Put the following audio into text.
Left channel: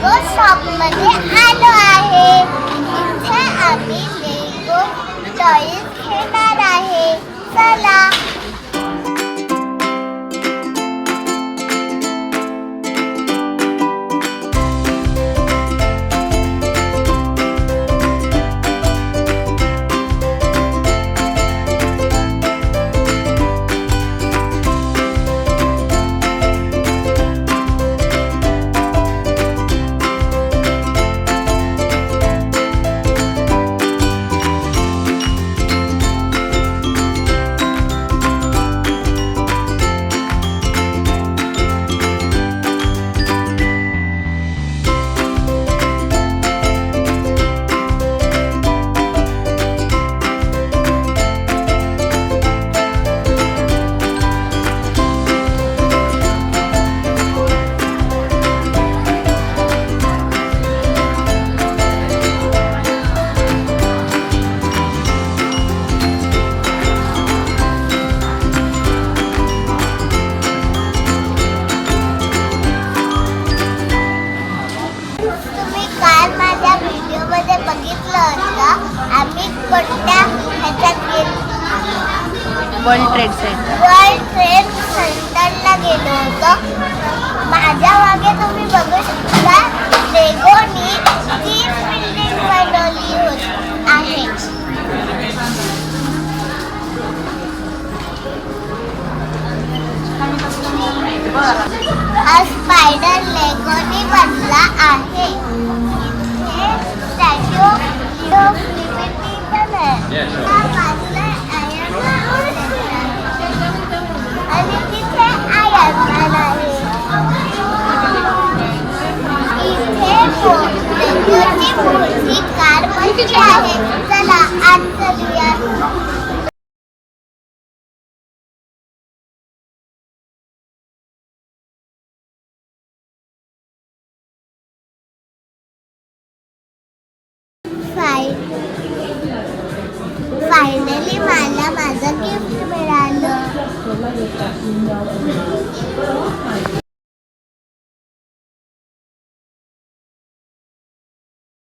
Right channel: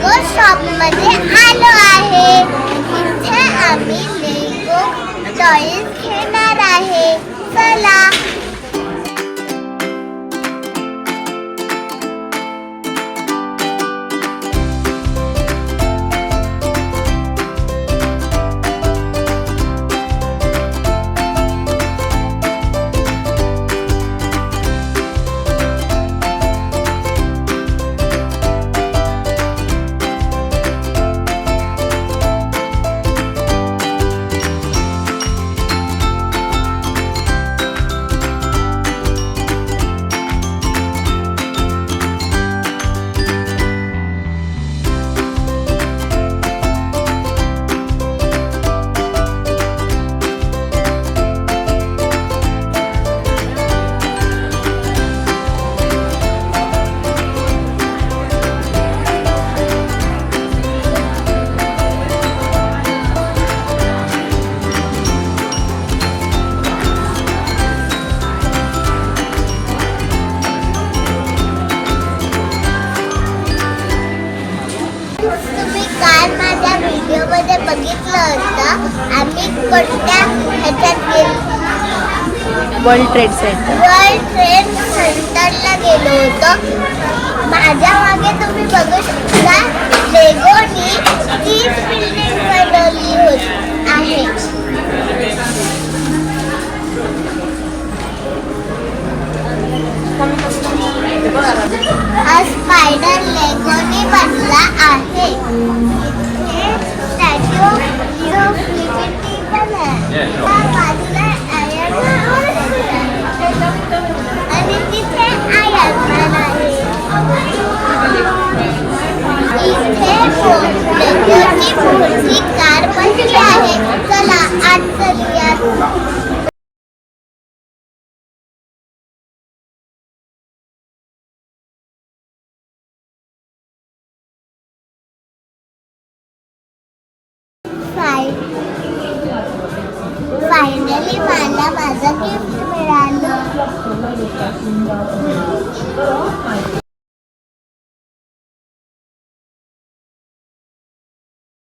लेगो shop मध्ये आलो आहे. इथे आम्ही लेगो टॉयज घेणार आहे. चला. तुम्ही काल माझ्या व्हिडिओमध्ये बघितलं होतं आम्ही कोणत्या ह्याच्यात गेलो. वर्ल्ड ट्रेड सेंटरला गेलो होतो. माझ्या मागे तुम्ही बघू शकता लेगोनी 30 बिल्डिंग बनवली आहे.